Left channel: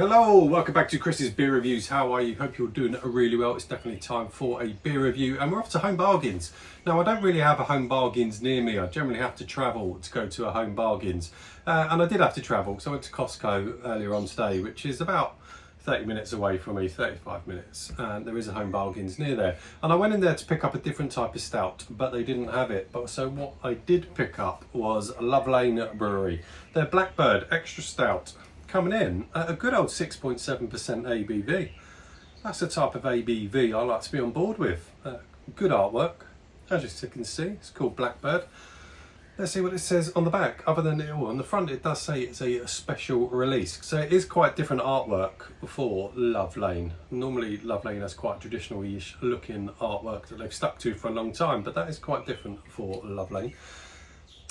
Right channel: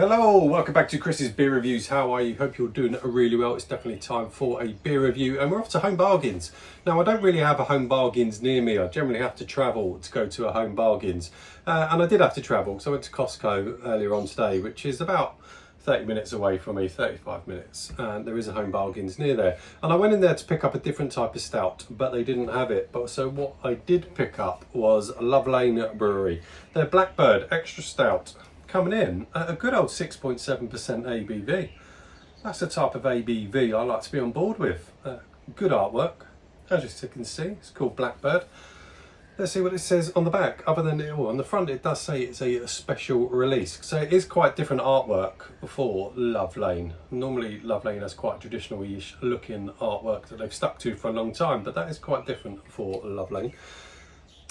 Hello, welcome back to Chris's Beer Reviews. How are you? Hope you're doing really well. It's definitely time for a beer review and we're off to Home Bargains. Now, I don't really have a Home Bargains near me. I generally have to travel to go to a Home Bargains. And I did have to travel, so I went to Costco earlier on today, which is about 30 minutes away from me, 35 minutes. And there is a Home Bargains near there. And I went in there to pick up a different type of stout, but they didn't have it. So what I did pick up was Lane Brewery. Their Bird Extra Stout. Coming in at a good old 6.7% ABV. That's the type of ABV I like to be on board with. Good artwork, as you can see. It's called Blackbird. Let's see what it says on the back. Other than on the front, it does say it's a special release. So it is quite different artwork for Lane. Normally, Lane has quite traditional-ish looking artwork that they've stuck to for a long time, but that is quite different for Lane.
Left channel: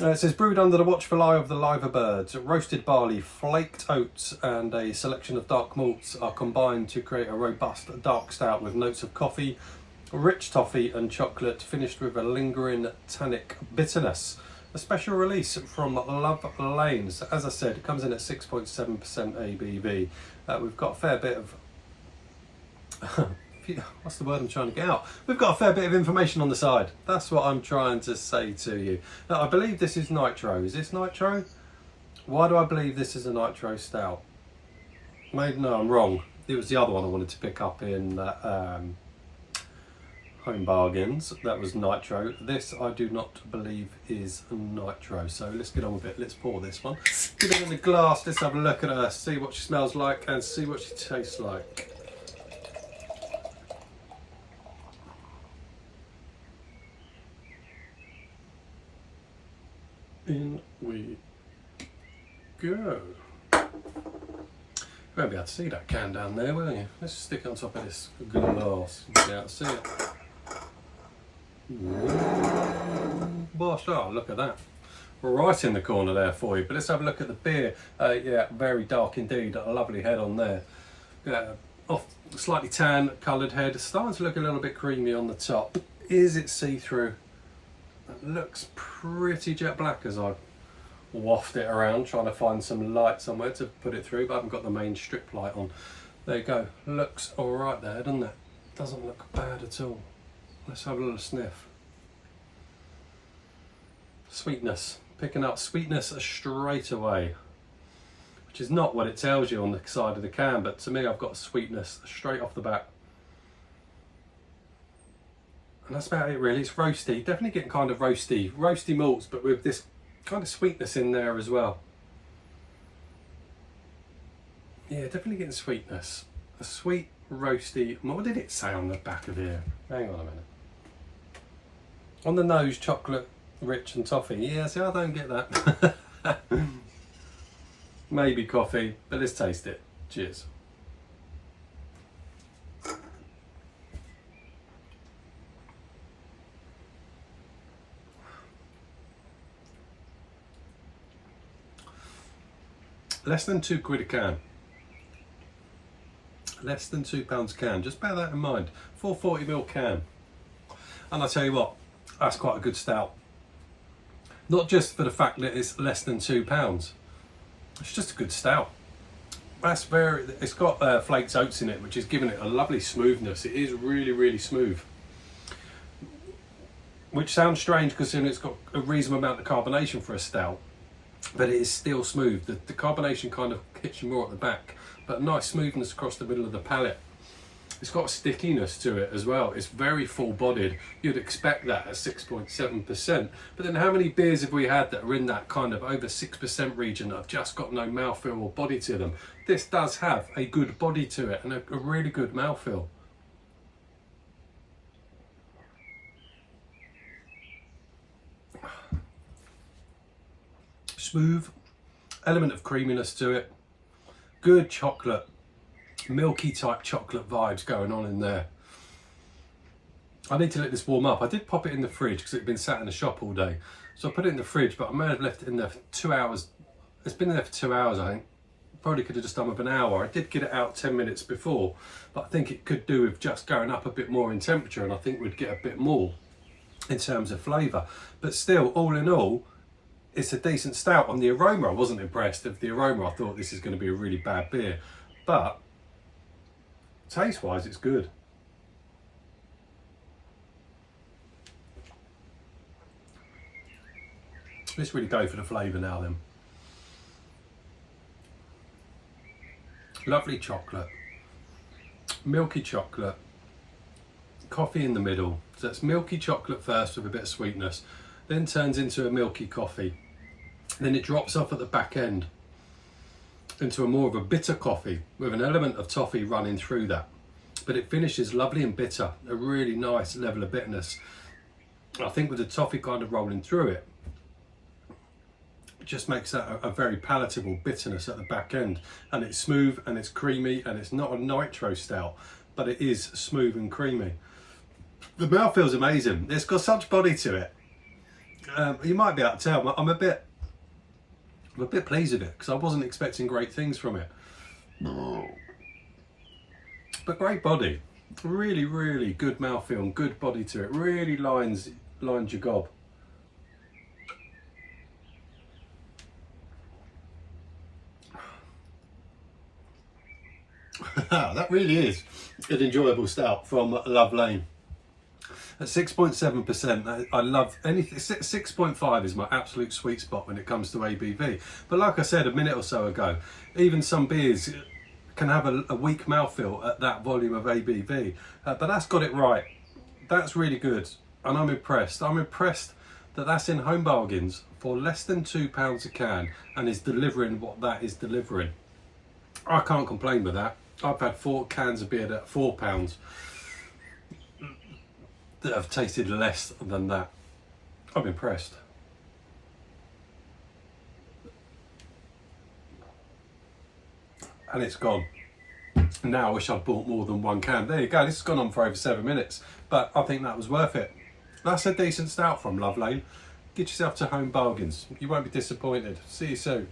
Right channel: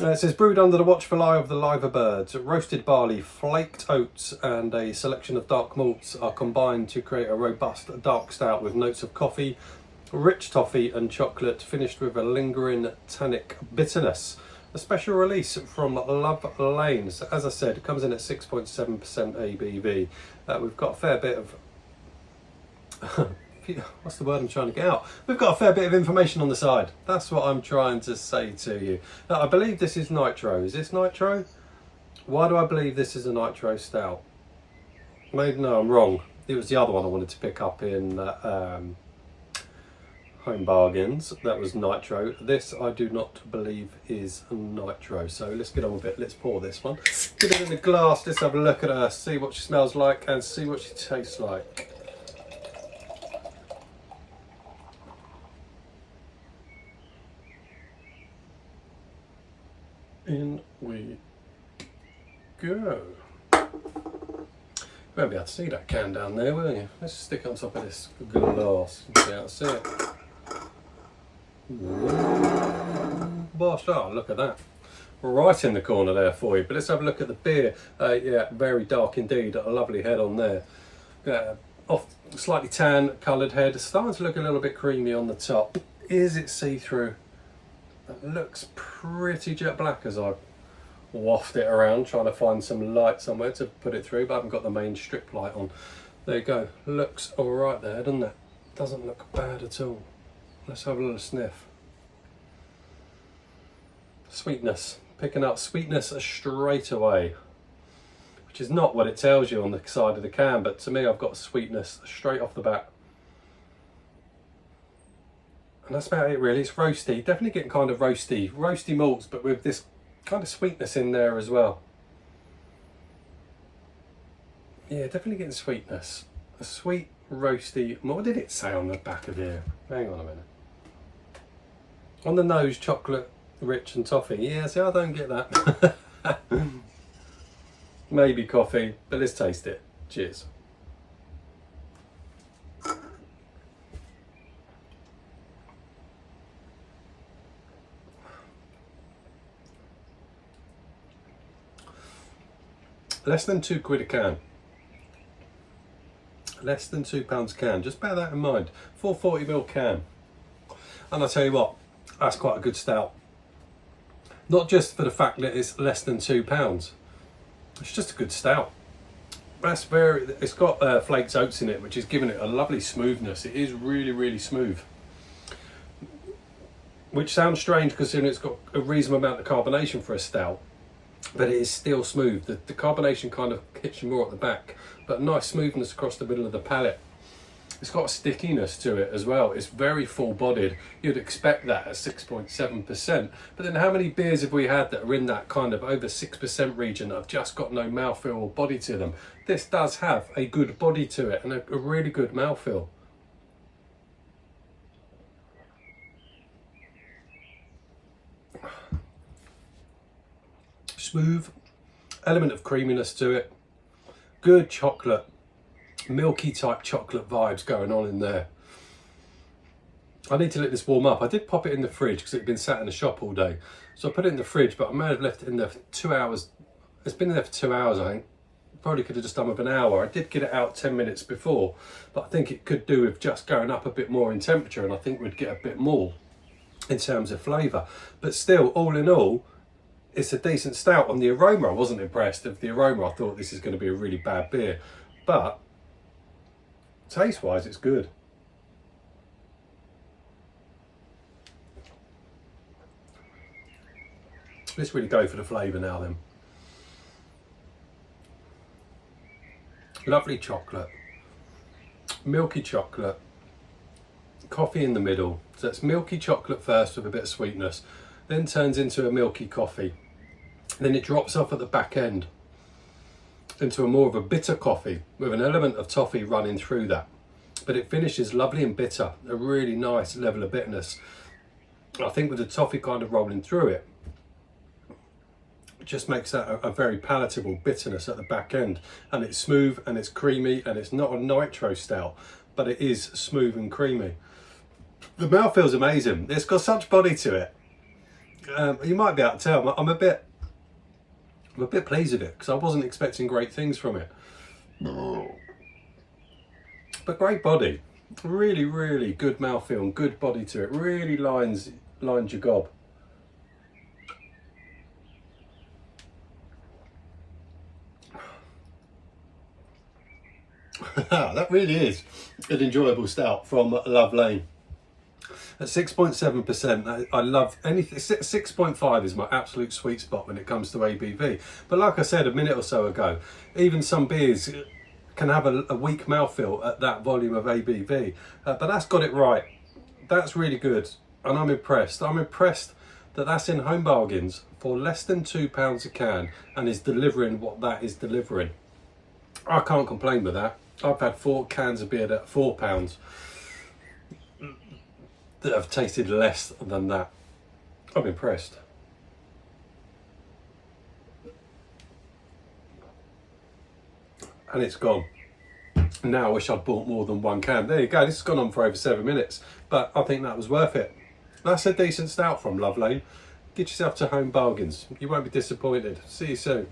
It says brewed under the watchful eye of the liver birds, roasted barley, flaked oats and a selection of dark malts are combined to create a robust dark stout with notes of coffee, rich toffee and chocolate, finished with a lingering tannic bitterness. A special release from Lane. So as I said, it comes in at 6.7% ABV. We've got a fair bit of what's the word I'm trying to get out? We've got a fair bit of information on the side. That's what I'm trying to say to you. Now, I believe this is nitro. Is this nitro? Why do I believe this is a nitro stout? Maybe, no, I'm wrong. It was the other one I wanted to pick up in Home Bargains. That was nitro. This I do not believe is nitro. So let's get on with it. Let's pour this one. Get it in the glass. Let's have a look at her. See what she smells like and see what she tastes like. In we go. You won't be able to see that can down there, will you? Let's stick it on top of this glass. You'll be able to see it. Bosh, oh, look at that. Right in the corner there for you. But let's have a look at the beer. Yeah, very dark indeed. A lovely head on there. Off slightly tan coloured head. Starting to look a little bit creamy on the top. Is it see-through? It looks pretty jet black as I waft it around, trying to find some light somewhere to put it through, but I haven't got the main strip light on. There you go. Looks all right there, doesn't it? Doesn't look bad at all. Let's have a little sniff. Sweetness. Picking up sweetness straight away, which is not what it tells you on the side of the can, but to me I've got sweetness straight off the bat. And that's about it really. It's roasty, definitely getting kind of roasty malts, but with this kind of sweetness in there as well. Yeah, definitely getting sweetness. A sweet, roasty, what did it say on the back of here? Hang on a minute. On the nose, chocolate, rich and toffee. Yeah, see, I don't get that. Maybe coffee, but let's taste it. Cheers. Less than £2 a can. Less than £2 a can. Just bear that in mind. 440ml can. And I tell you what, that's quite a good stout. Not just for the fact that it's less than £2. It's just a good stout. That's it's got flaked oats in it, which is giving it a lovely smoothness. It is really, really smooth. Which sounds strange considering it's got a reasonable amount of carbonation for a stout. But it is still smooth. The carbonation kind of hits you more at the back, but a nice smoothness across the middle of the palate. It's got a stickiness to it as well. It's very full-bodied. You'd expect that at 6.7%. But then how many beers have we had that are in that kind of over 6% region that have just got no mouthfeel or body to them? This does have a good body to it and a really good mouthfeel. Smooth, element of creaminess to it, good chocolate, milky type chocolate vibes going on in there. I need to let this warm up. I did pop it in the fridge because it had been sat in the shop all day. So I put it in the fridge, but I may have left it in there for 2 hours. It's been there for 2 hours, I think. Probably could have just done with an hour. I did get it out 10 minutes before, but I think it could do with just going up a bit more in temperature, and I think we'd get a bit more in terms of flavour. But still, all in all, it's a decent stout. On the aroma, I wasn't impressed. Of the aroma, I thought this is going to be a really bad beer. but taste wise it's good. Let's really go for the flavour now then. Lovely chocolate, milky chocolate, coffee in the middle. So it's milky chocolate first with a bit of sweetness, then turns into a milky coffee. Then it drops off at the back end into a more of a bitter coffee with an element of toffee running through that. But it finishes lovely and bitter, a really nice level of bitterness. I think with the toffee kind of rolling through it, just makes that a very palatable bitterness at the back end. And it's smooth and it's creamy, and it's not a nitro stout, but it is smooth and creamy. The mouthfeel's amazing. It's got such body to it. You might be able to tell I'm a bit pleased with it because I wasn't expecting great things from it. But great body, really, really good mouthfeel and good body to it. Really lines your gob. That really is an enjoyable stout from Love Lane. At 6.7%, I love anything. 6.5 is my absolute sweet spot when it comes to ABV. But like I said a minute or so ago, even some beers can have a weak mouthfeel at that volume of ABV. But that's got it right. That's really good, and I'm impressed. I'm impressed that that's in Home Bargains for less than £2 a can and is delivering what that is delivering. I can't complain with that. I've had 4 cans of beer at £4 that have tasted less than that. I'm impressed. And it's gone. Now I wish I'd bought more than 1 can. There you go, this has gone on for over 7 minutes, but I think that was worth it. That's a decent stout from Love Lane. Get yourself to Home Bargains. You won't be disappointed. See you soon.